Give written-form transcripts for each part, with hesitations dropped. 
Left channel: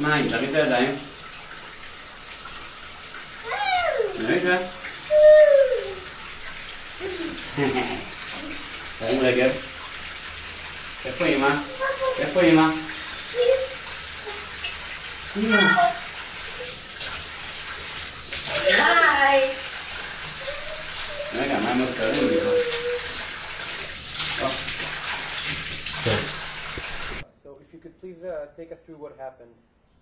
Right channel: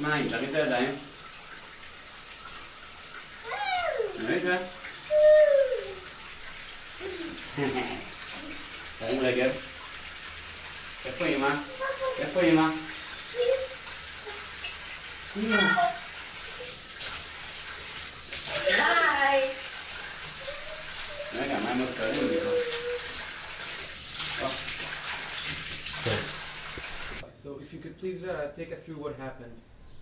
מים, תריץ את הידיים. תריץ את זה. תרים רגל. איפה אמא? איפה אמא? אמא. היי. רגע, מים עוד קרים לי פה. So if you could please take us through what happened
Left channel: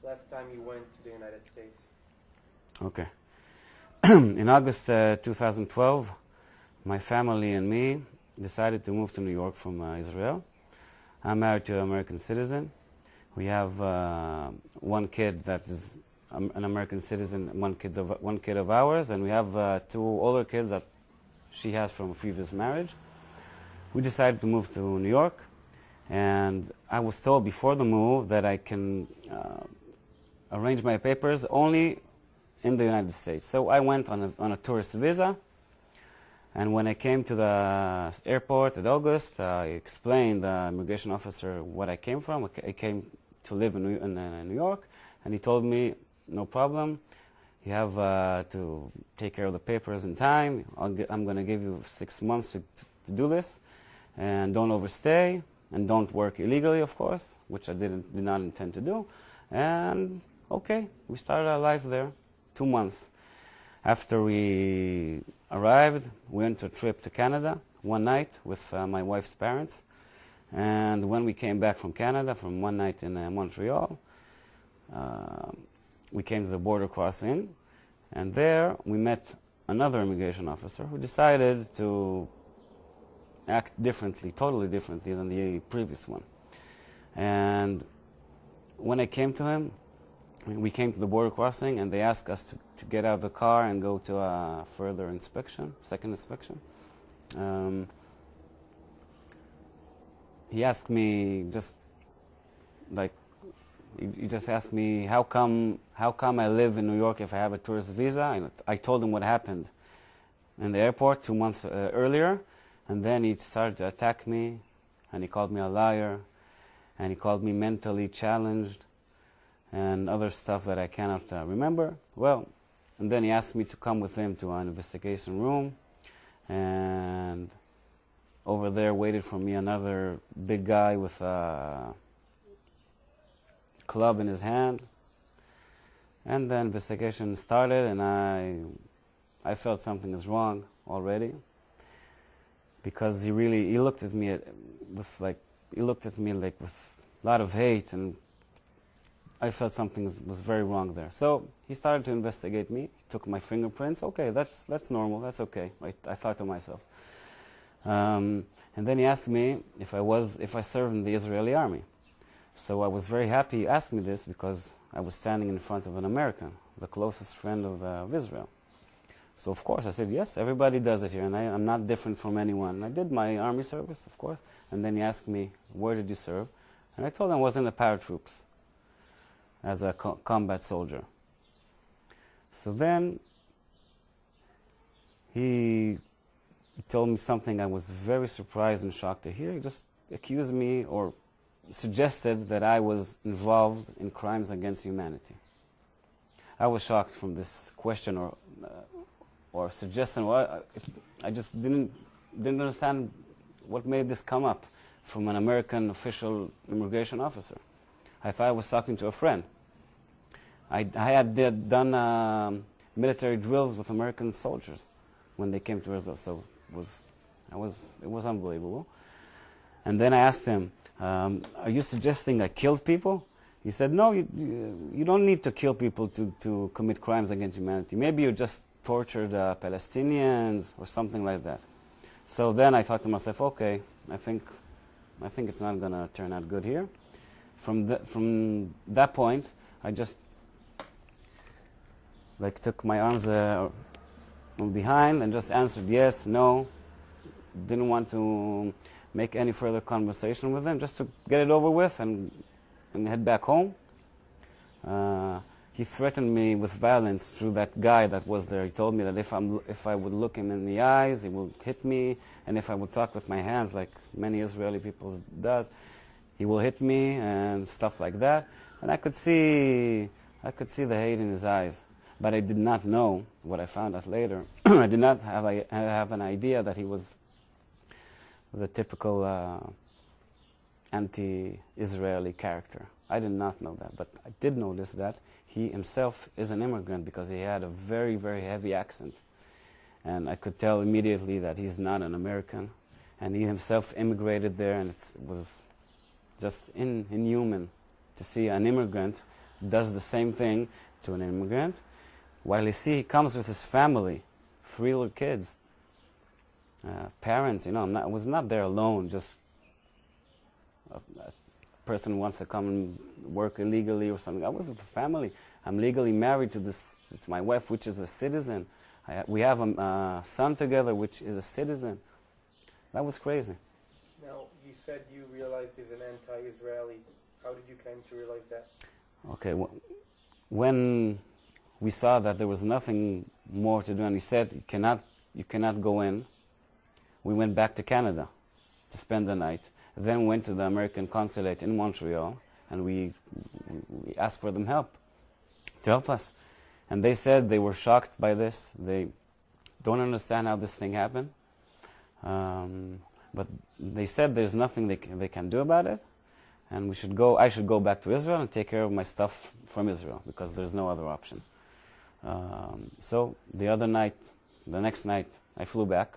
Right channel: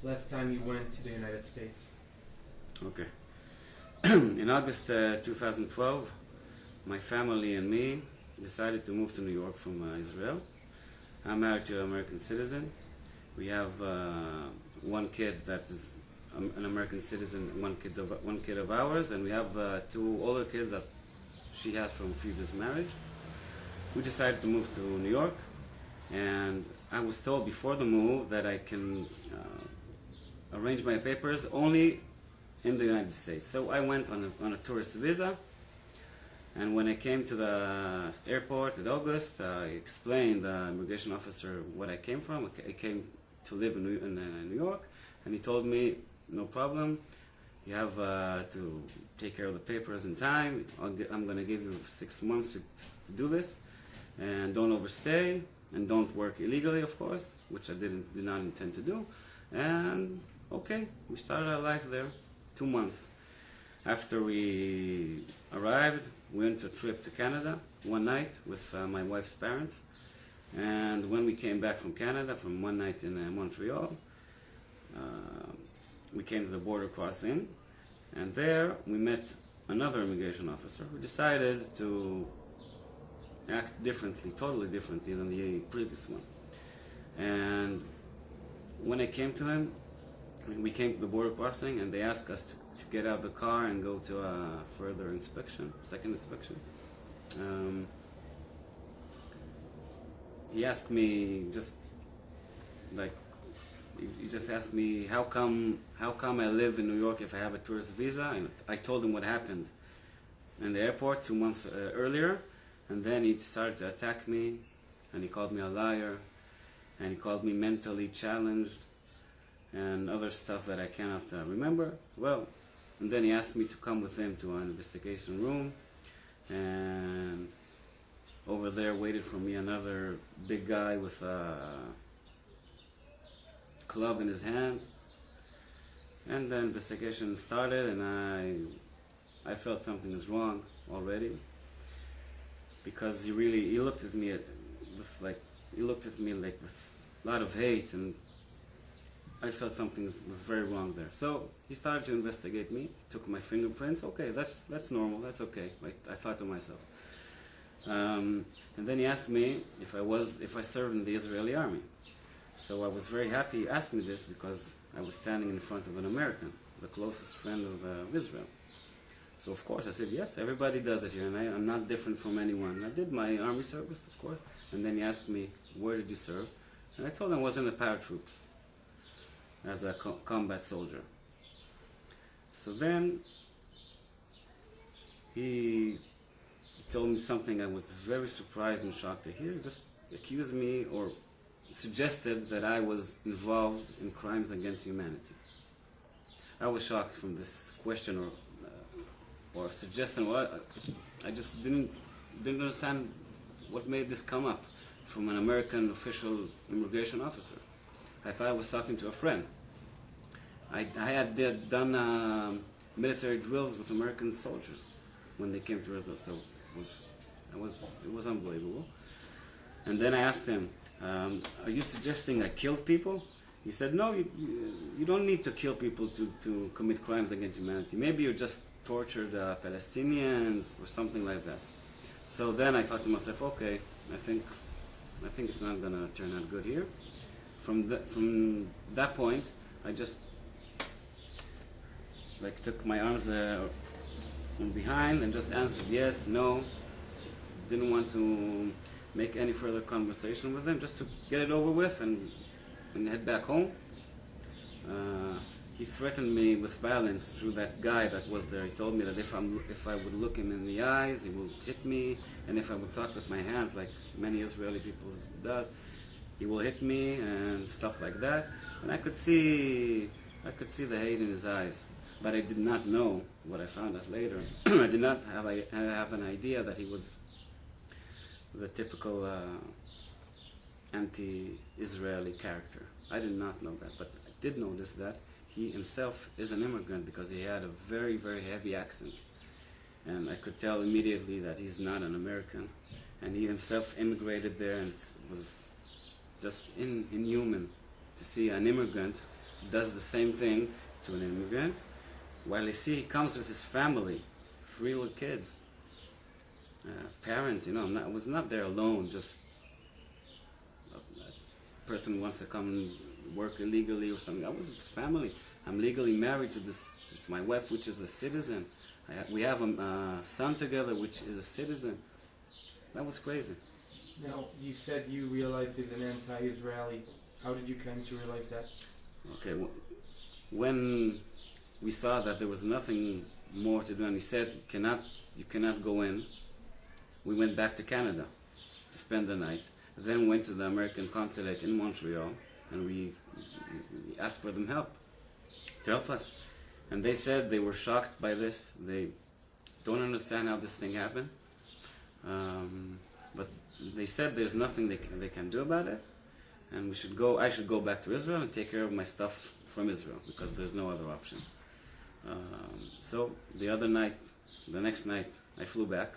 last time you went to the United States. Okay. In August 2012, my family and me decided to move to New York from Israel. I'm married to an American citizen. We have one kid that is an American citizen, one kid of ours, and we have two older kids that she has from a previous marriage. We decided to move to New York, and I was told before the move that I can arrange my papers only in the United States. So I went on a tourist visa, and when I came to the airport in August, I explained to the immigration officer what I came from. I came to live in New York, and he told me, no problem, you have to take care of the papers in time. I'm going to give you 6 months to do this, and don't overstay, and don't work illegally, of course, which I did not intend to do. And okay, we started our life there, 2 months. After we arrived, we went on a trip to Canada one night with my wife's parents. And when we came back from Canada, from one night in Montreal, we came to the border crossing, and there we met another immigration officer who decided to act differently, totally differently than the previous one. And when I came to him, we came to the border crossing, and they asked us to get out of the car and go to a further inspection, second inspection. He asked me he just asked me how come I live in New York if I have a tourist visa. And I told him what happened in the airport 2 months earlier, and then he started to attack me, and he called me a liar, and he called me mentally challenged, and other stuff that I cannot remember. Well, and then he asked me to come with him to an investigation room, and over there waited for me another big guy with a club in his hand. And the investigation started, and I felt something is wrong already, because he looked at me with a lot of hate, and I felt something was very wrong there. So he started to investigate me, took my fingerprints. Okay, that's normal, that's okay, I thought to myself. And then he asked me if I served in the Israeli army. So I was very happy he asked me this, because I was standing in front of an American, the closest friend of Israel. So of course I said, yes, everybody does it here, and I'm not different from anyone. I did my army service, of course. And then he asked me, where did you serve? And I told him I was in the paratroops as a combat soldier. So then he told me something I was very surprised and shocked to hear. He just accused me, or suggested that I was involved in crimes against humanity. I was shocked from this question or suggestion. Well, I just didn't understand what made this come up from an American official immigration officer. I thought I was talking to a friend. I had done military drills with American soldiers when they came to Israel, so it was unbelievable. And then I asked him, are you suggesting I killed people? He said, no, you don't need to kill people to commit crimes against humanity. Maybe you just tortured Palestinians or something like that. So then I thought to myself, okay, I think it's not going to turn out good here. From that point, I just took my arms from behind and just answered yes, no. Didn't want to make any further conversation with them, just to get it over with and head back home. He threatened me with violence through that guy that was there. He told me that if I would look him in the eyes, he would hit me, and if I would talk with my hands, like many Israeli people does, he will hit me and stuff like that. And I could see the hate in his eyes. But I did not know what I found out later. I did not have an idea that he was the typical anti-Israeli character. I did not know that, but I did notice that he himself is an immigrant because he had a very, very heavy accent. And I could tell immediately that he's not an American. And he himself immigrated there, and it was just inhuman to see an immigrant does the same thing to an immigrant. While you see he comes with his family, 3 little kids, parents, I was not there alone, just a person who wants to come and work illegally or something. I was with the family. I'm legally married to my wife, which is a citizen. We have a son together, which is a citizen. That was crazy. Now, you said you realized he's an anti-Israeli. How did you come to realize that? Okay, when we saw that there was nothing more to do, and he said, you cannot go in, we went back to Canada to spend the night. Then went to the American consulate in Montreal, and we asked for them to help us. And they said they were shocked by this. They don't understand how this thing happened. But they said there's nothing they can do about it, and I should go back to Israel and take care of my stuff from Israel, because there's no other option. So the next night, I flew back.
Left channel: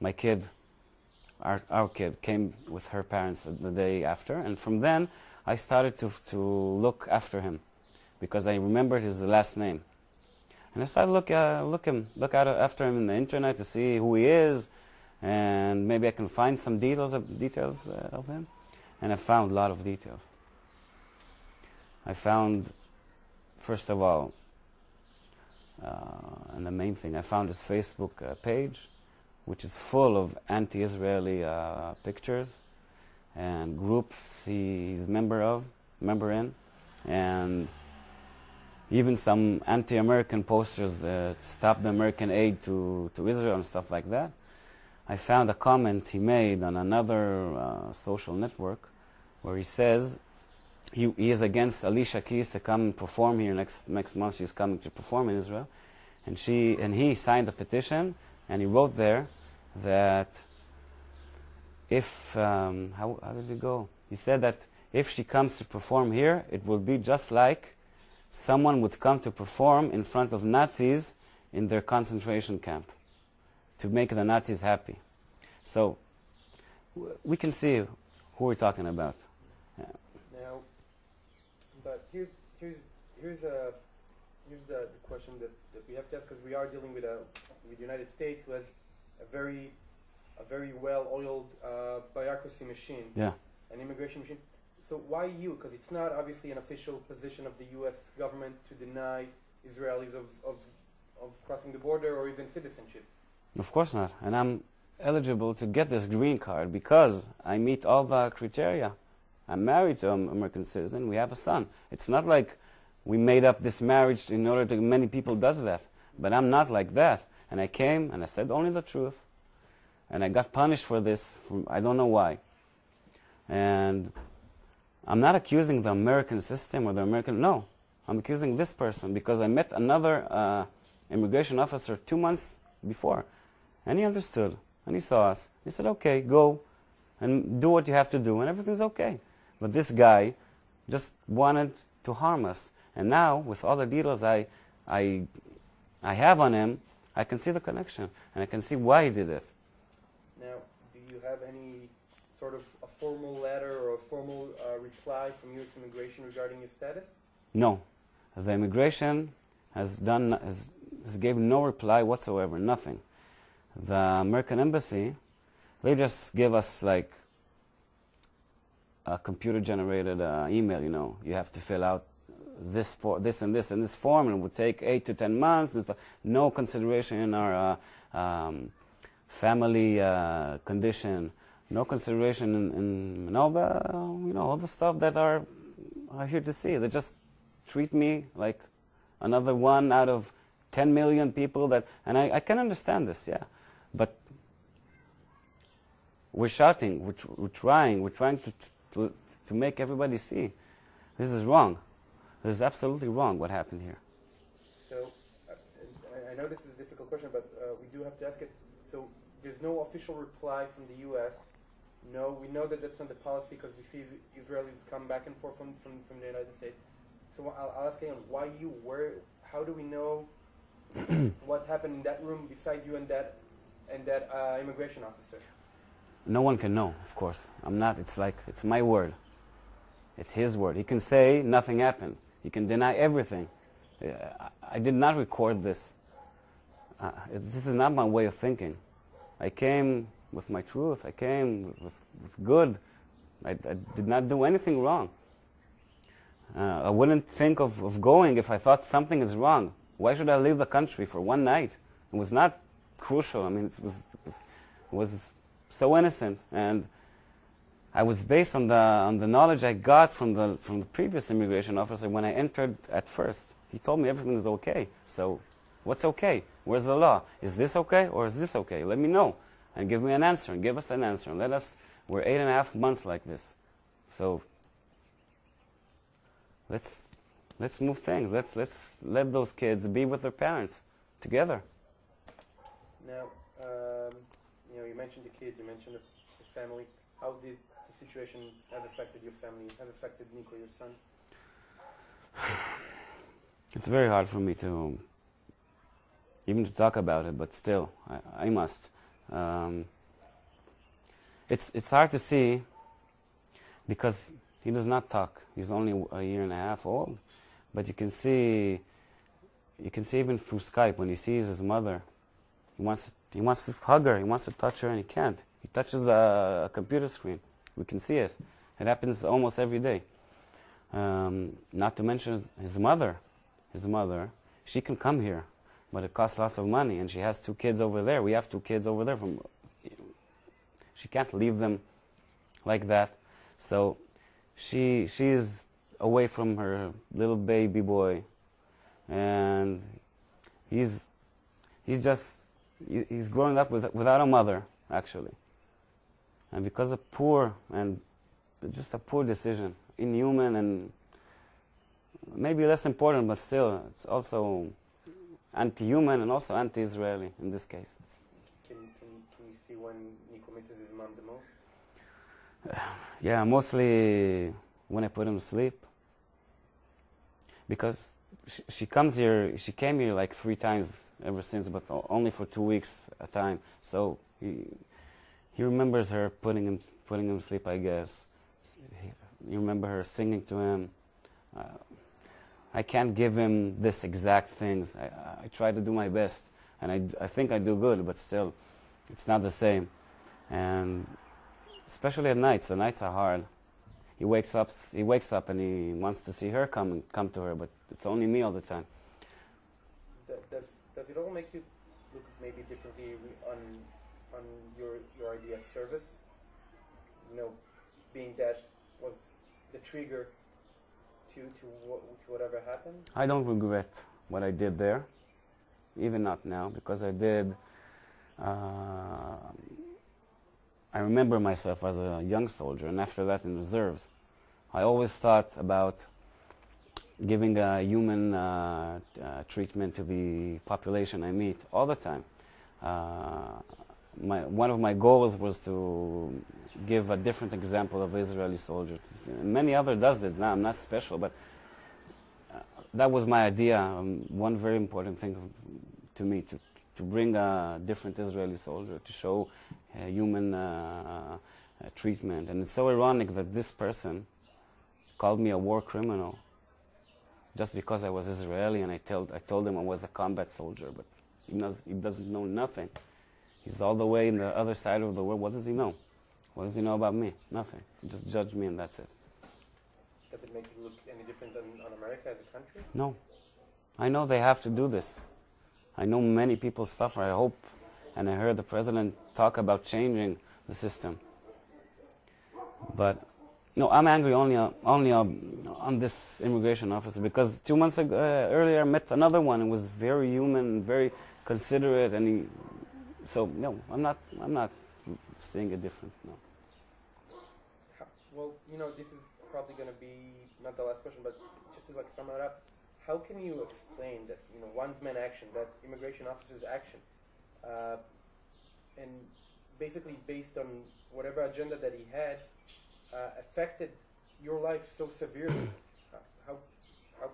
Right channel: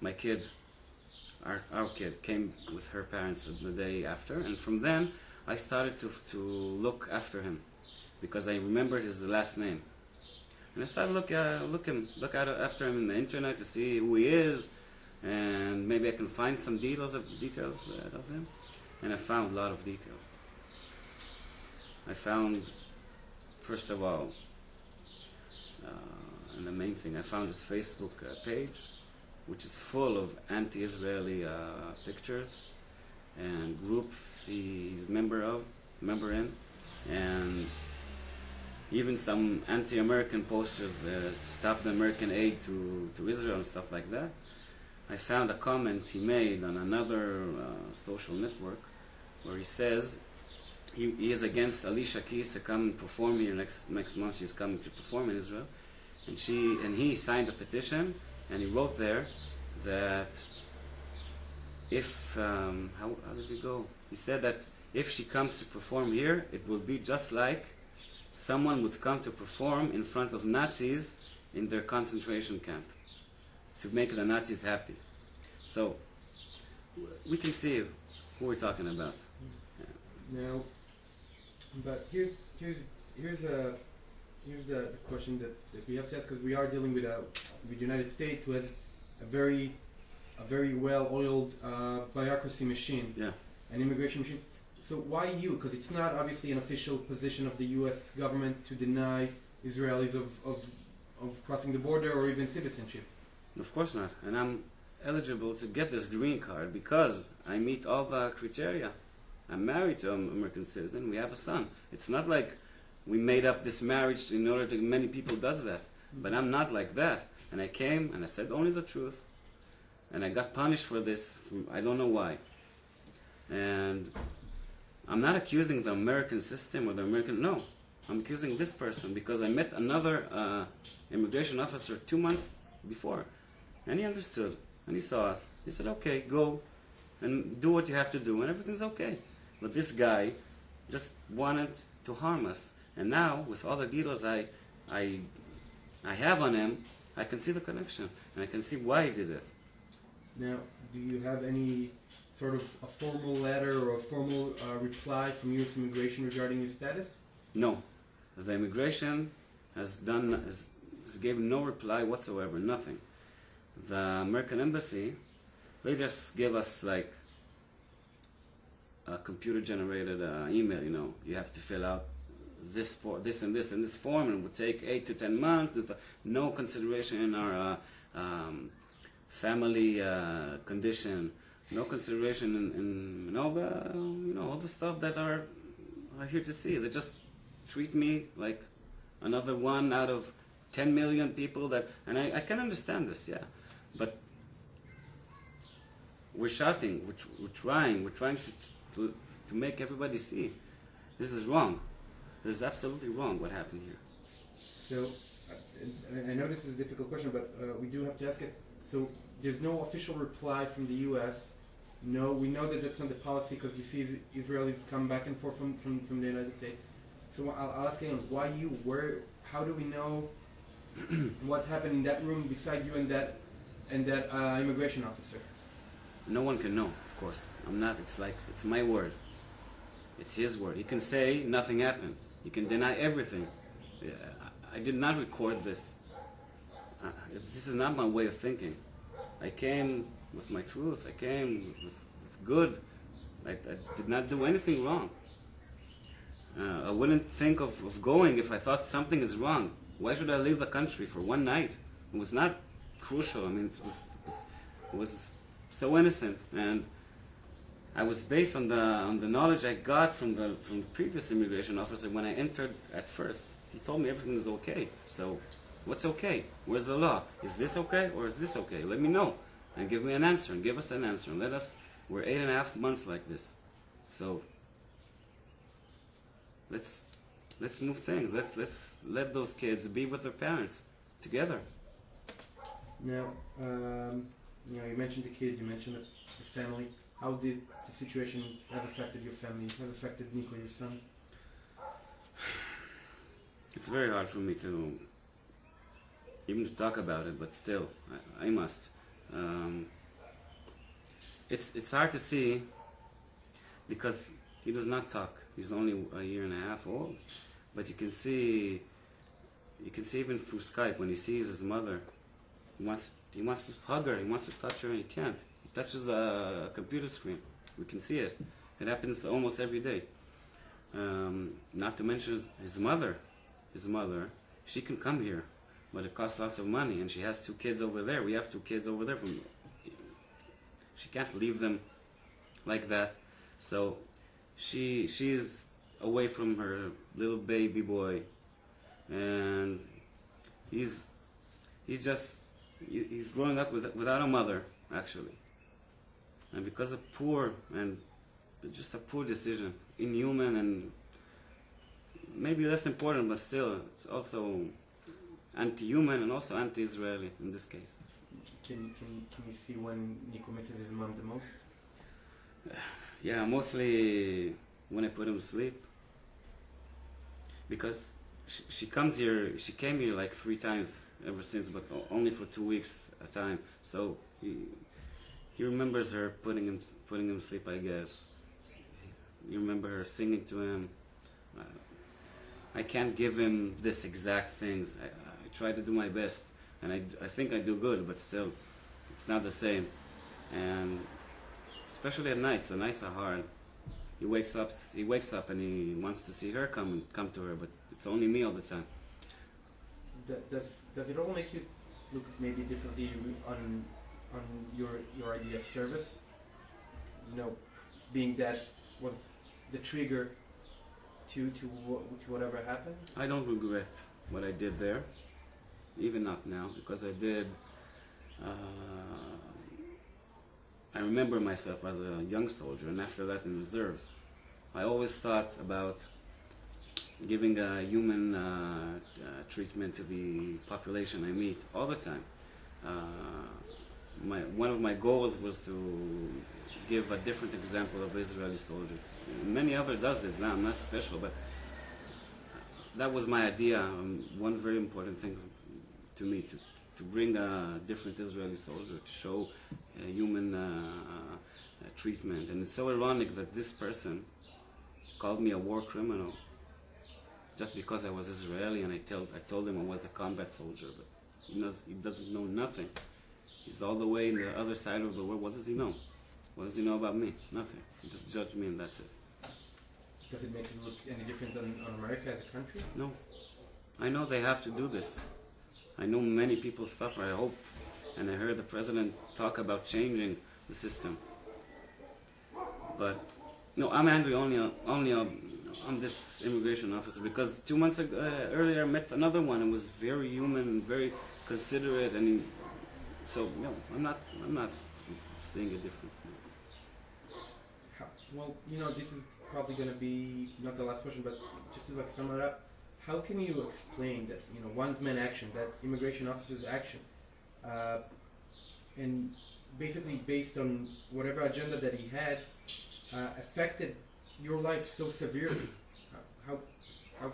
My kid, our kid, came with her parents the day after, and from then I started to look after him, because I remembered his last name. And I started look after him in the internet to see who he is, and maybe I can find some details of him. And I found a lot of details. I found, first of all, and the main thing, I found his Facebook page, which is full of anti-Israeli pictures and groups he's member in, and even some anti-American posters that stop the American aid to Israel and stuff like that. I found a comment he made on another social network where he says he is against Alicia Keys to come and perform here next month. She's coming to perform in Israel. And he signed a petition, and he wrote there that if, how did it go? He said that if she comes to perform here, it will be just like someone would come to perform in front of Nazis in their concentration camp to make the Nazis happy. So we can see who we're talking about. Yeah. Now, but here's the question that we have to ask, because we are dealing with the United States, who has a very well-oiled bureaucracy machine, yeah, an immigration machine. So why you? Because it's not obviously an official position of the U.S. government to deny Israelis of crossing the border or even citizenship. Of course not. And I'm eligible to get this green card because I meet all the criteria. I'm married to an American citizen. We have a son. It's not like we made up this marriage in order to, many people does that. But I'm not like that. And I came and I said only the truth. And I got punished for this. I don't know why. And I'm not accusing the American system or the American... No. I'm accusing this person because I met another immigration officer 2 months before. And he understood. And he saw us. He said, okay, go and do what you have to do and everything's okay. But this guy just wanted to harm us. And now, with all the details I have on him, I can see the connection. And I can see why he did it. Now, do you have any sort of a formal letter or a formal reply from U.S. Immigration regarding your status? No. The immigration has given no reply whatsoever, nothing. The American embassy, they just give us like a computer-generated email, You have to fill out this and this form, and it would take 8 to 10 months. And stuff. No consideration in our family condition. No consideration in all the all the stuff that are here to see. They just treat me like another one out of 10 million people and I can understand this, yeah. But We're shouting, we're trying to make everybody see. This is wrong. This is absolutely wrong what happened here. So, I know this is a difficult question, but we do have to ask it. So, there's no official reply from the U.S. No, we know that that's not the policy because we see Israelis come back and forth from the United States. So I'll ask again, why you? Where? How do we know what happened in that room beside you and that immigration officer? No one can know, of course. I'm not. It's my word. It's his word. He can say nothing happened. He can deny everything. I did not record this. This is not my way of thinking. I came with my truth. I came with good. I did not do anything wrong. I wouldn't think of going if I thought something is wrong. Why should I leave the country for one night? It was not crucial. I mean, it was so innocent, and I was based on the knowledge I got from the previous immigration officer when I entered at first. He told me everything is okay. So, what's okay? Where's the law? Is this okay or is this okay? Let me know and give me an answer and give us an answer and let us. We're 8.5 months like this, so let's move things. Let's let those kids be with their parents together. Now, you mentioned the kids, you mentioned the family. How did the situation have affected your family? Have affected Nico, your son? It's very hard for me to even to talk about it, but still, I must. It's hard to see because he does not talk. He's only 1.5 years old, but you can see even through Skype when he sees his mother, he wants to hug her, he wants to touch her, and he can't. He touches a computer screen. We can see it. It happens almost every day. Not to mention his mother. His mother, she can come here, but it costs lots of money, and she has 2 kids over there. We have 2 kids over there. She can't leave them like that. So she's away from her little baby boy, and he's growing up without a mother, actually. And because of just a poor decision, inhuman and maybe less important, but still, it's also anti-human and also anti-Israeli in this case. Can you see when Nico misses his mom the most? Yeah, mostly when I put him to sleep. Because she came here like 3 times ever since, but only for 2 weeks at a time. So he remembers her putting him to sleep, I guess. You remember her singing to him. I can't give him this exact things. I try to do my best, and I think I do good, but still, it's not the same. And especially at nights, the nights are hard. He wakes up and he wants to see her come to her, but it's only me all the time. Does it all make you look maybe differently on your idea of service? Being that was the trigger to whatever happened? I don't regret what I did there, even not now, because I did. I remember myself as a young soldier, and after that in reserves. I always thought about giving a human treatment to the population I meet all the time. One of my goals was to give a different example of Israeli soldiers. Many other does this now. I'm not special, but that was my idea. One very important thing to me to bring a different Israeli soldier, to show human treatment. And it's so ironic that this person called me a war criminal just because I was Israeli, and I told him I was a combat soldier, but he doesn't know nothing. He's all the way in the other side of the world. What does he know? What does he know about me? Nothing. He just judged me, and that's it. Does it make it look any different on America as a country? No. I know they have to do this. I know many people suffer. I hope, and I heard the president talk about changing the system. But no, I'm angry only on this immigration officer because 2 months earlier I met another one and was very human and very considerate, and so no, I'm not seeing it different. Well, you know, this is probably going to be not the last question, but just to like sum it up, how can you explain that, you know, one's man action, that immigration officer's action, and basically based on whatever agenda that he had, affected your life so severely? How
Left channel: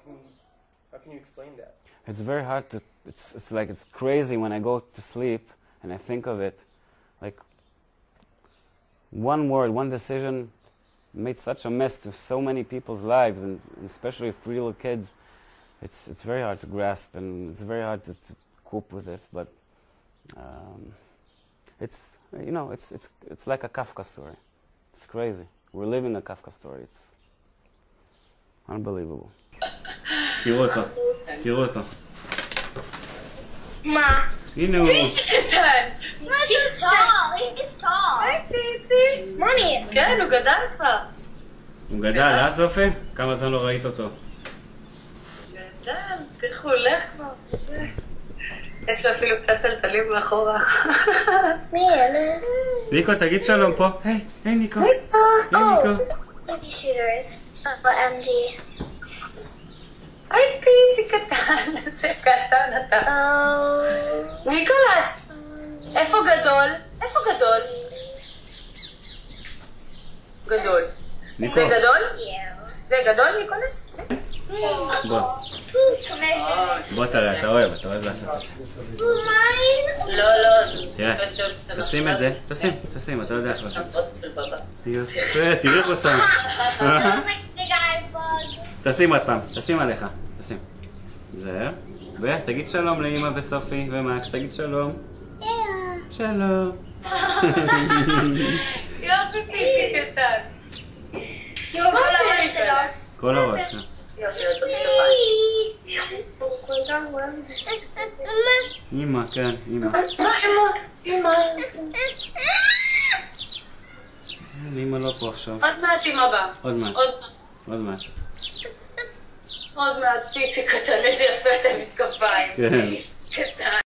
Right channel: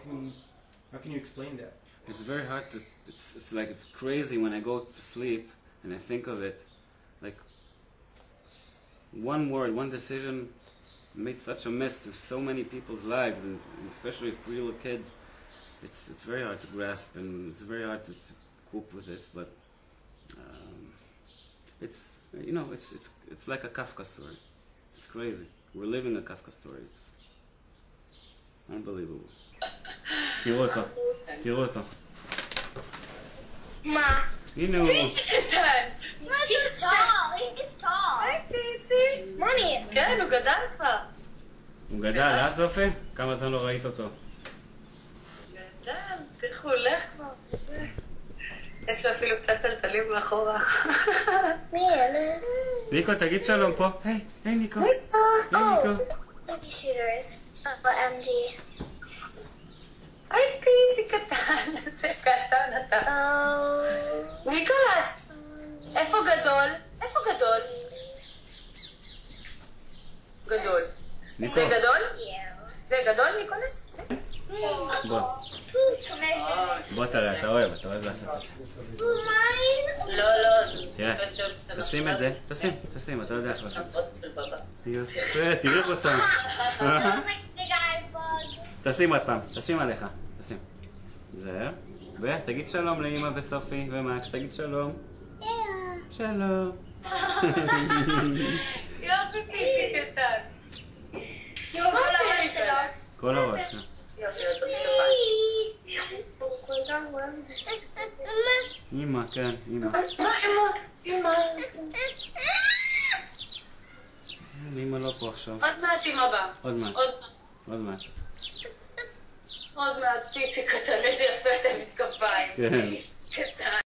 can you explain that? It's very hard to. It's like it's crazy when I go to sleep and I think of it, like one word, one decision made such a mess to so many people's lives, and especially 3 little kids. It's very hard to grasp, and it's very hard to cope with it. But it's, you know, it's like a Kafka story. It's crazy. We're living a Kafka story. It's unbelievable. תראו אותו, תראו אותו. מה? הנה הוא. פיצי קטן! He's tall! He's tall! היי פיצי! מומי! כן, הוא גדל כבר. הוא גדל, סופי? כמה זמן לא ראית אותו? גדל, תראו, הוא הולך כבר. יש לו אפילו קצת טלטלים מאחורה. מי אלה? ניקו, תגיד שלום פה. היי ניקו. היי ניקו. baby shooters. OMG. היי פיצי קטן, זה קטן אתה. ניקולס, איפה גדול? איפה גדול? גדול. זה גדול? זה גדול ניקולס? בוא תראה, אתה אוהב לעשות את זה. לא, תראה, תשים את זה, תשים, אתה יודע איך לעשות. יפה, תראי פה שם. תשים עוד פעם, תשים עליך, תשים. זהו, ותגיד שלום לאמא וסופי ומקס, תגיד שלום. שלום. יופי פיצי קטן. יופי כל הראש שלו. כל הראש, יופי, אמא, כן, אמא. אמא. אמא לא פה עכשיו. עוד מעט אמא בא. עוד מעט. עוד מעט פיצי קטן, איזה יפה את המשקפיים. כן. קטן.